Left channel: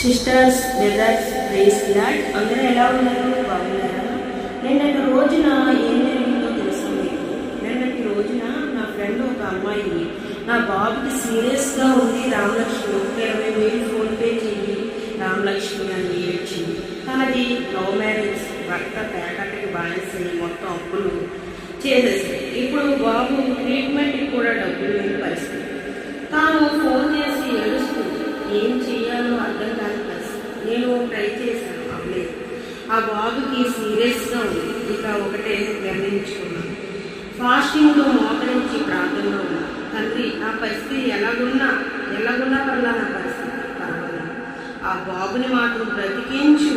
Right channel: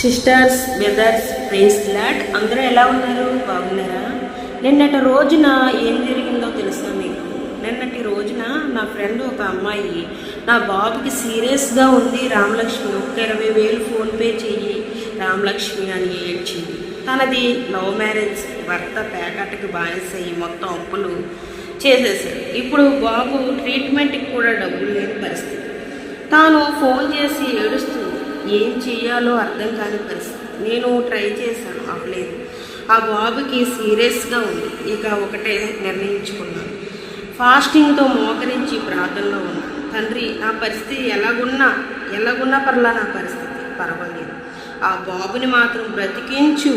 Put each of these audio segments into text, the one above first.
Sisters, brothers, praise lord. అందరూ ఎలా ఉన్నారు? బాగున్నారా? నిన్నటి రోజున ఏం జరిగిందో తెలుసా మీకు? నిన్నటి రోజున నా ఫ్రెండ్ ఒక అమ్మాయి నా బాబుకి సీరియస్గా ఉంది, రామలక్ష్మి 20,000 ఫోన్పే చెయ్యి రామలక్ష్మి అని ఏడ్చింది. తనది లవ్ మ్యారేజ్, భర్త ప్యాకెట్కి బానిస అయ్యి మొత్తం అప్పులు చేసేసాడు. ఇప్పుడు బాబు ట్రీట్మెంట్కి కూడా డబ్బులు లేని పరిస్థితి. తాను ఫోన్ చేసి ఏడుస్తుంది, ఏం చేయాలో అర్థం కాని పరిస్థితి. నేను ట్రై చేశాను, అవ్వలేదు. ఆ బాబుకి సీరియస్గా ఉంది. ఇక ఒకటే నిర్ణయించుకున్నాను, ఫాస్టింగ్తో మోకరించి ప్రార్థనలో ఉన్నా. తండ్రి, నా పరిస్థితి ఎలాగున్నా పర్లా, నా పరిస్థితి పర్వాలేదు, ఆ బాబుని మాత్రం బ్రతికించు,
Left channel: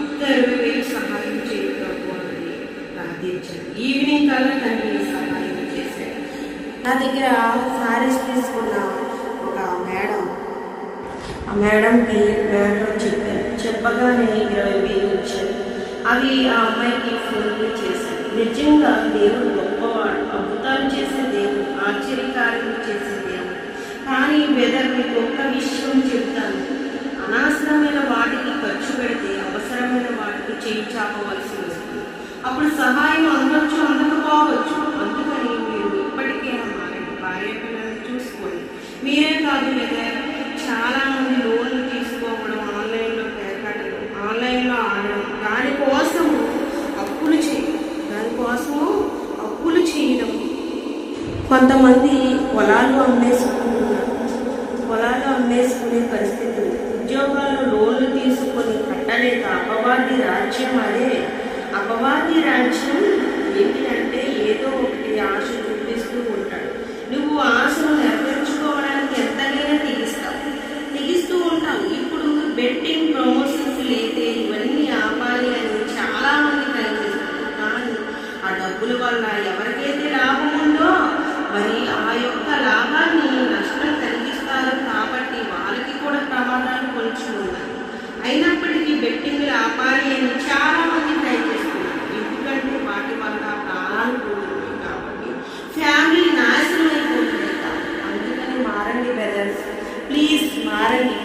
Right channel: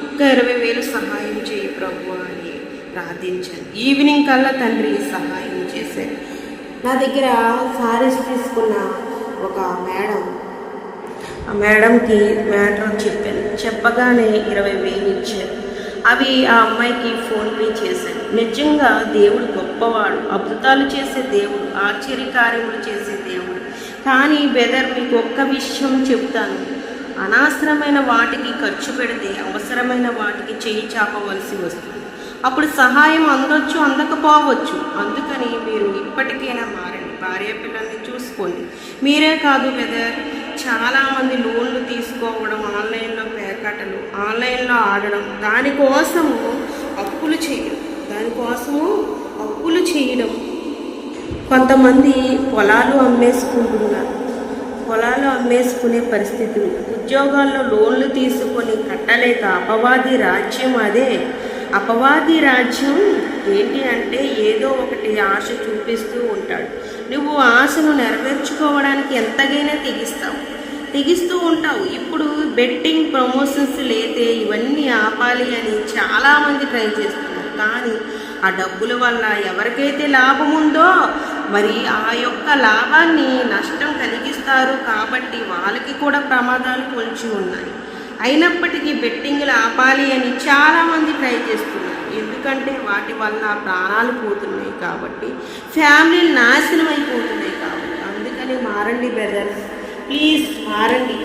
ఒక్క 20,000 సహాయం చేయి ప్రభు అని ప్రార్థించాను. ఈవినింగ్ కల్లా తండ్రి సహాయం చేశారు. నా దగ్గర సారీస్ తీసుకున్న ఒక మేడం, ఆ మేడంకి మ్యాటర్ చెప్పాను. చెప్పగానే 20,000 ఇచ్చారు. అవి ఆ అమ్మాయికి ఫోన్పే చేశాను. నిజంగా దేవుడు గొప్పవాడు, అద్భుతాలు చేసే దేవుడు, ఆశ్చర్యకార్యములు చేసే దేవుడు. కానీ బెదర్, మీకు ఒక్క విషయం చెప్తాను, అనవసరమైన వాటికి ఖర్చు పెడితే అవసరమైన వాటికి చేయి చాపవలసి వస్తుంది. అప్పుడు సహాయం అందొచ్చు, అందకపోవచ్చు. అందుకని మీరు ఇప్పటికైనా మారండి, భార్య పిల్లల్ని చూసుకోండి. మీరే కాదు బెదర్, చాలామంది లోన్లు తీసుకోవడం, ఆన్లైన్లో పేకట్టలు, ఆన్లైన్లో ఆడడం, దానికోసము అప్పులు చేయడం. కొంతమంది పొలాలు అమ్మేసుకునే పరిస్థితి, ఉద్యోగాల్లో లోన్లు తీసుకొని కట్టలేక అపవాది రాజ్యం. అదే అపవాది రాజ్యం ఏంటి అంటే, ఏదో ఒకటి ఆశ చూపిస్తూ ఉంటాడు. నువ్వు ఆశను నెరవేర్చుకోవడానికి ఎంతగైనా తెగిస్తూ ఉంటావు. ఇప్పుడు బెట్టింగ్ ప్రమోషన్స్ లేతే ఇవన్నీ ఆపాలి అని చాలామంది ట్రై చేస్తున్నారు. కానీ ఆ డబ్బుల వల్ల ఎవరికైతే లాభం ఉందో మరి ఆ యొక్క లాభాన్ని నష్టం కలిగిస్తారు. కాబట్టి వాళ్ళకి కూడా ప్రమాదాలు పొంచి ఉన్నాయి. అయినప్పటికీ బెట్టింగ్లు ఆపాలి అని చాలామంది ట్రై చేస్తున్నారు. ఎందుకంటే వాటి వల్ల ప్రాణాలు పోతున్నాయి, కాబట్టి ఫ్యామిలీ నాశనం అయిపోతున్నాయి. కాబట్టి అందుకని మారండి బ్రదర్స్, ప్లీజ్ మారండి.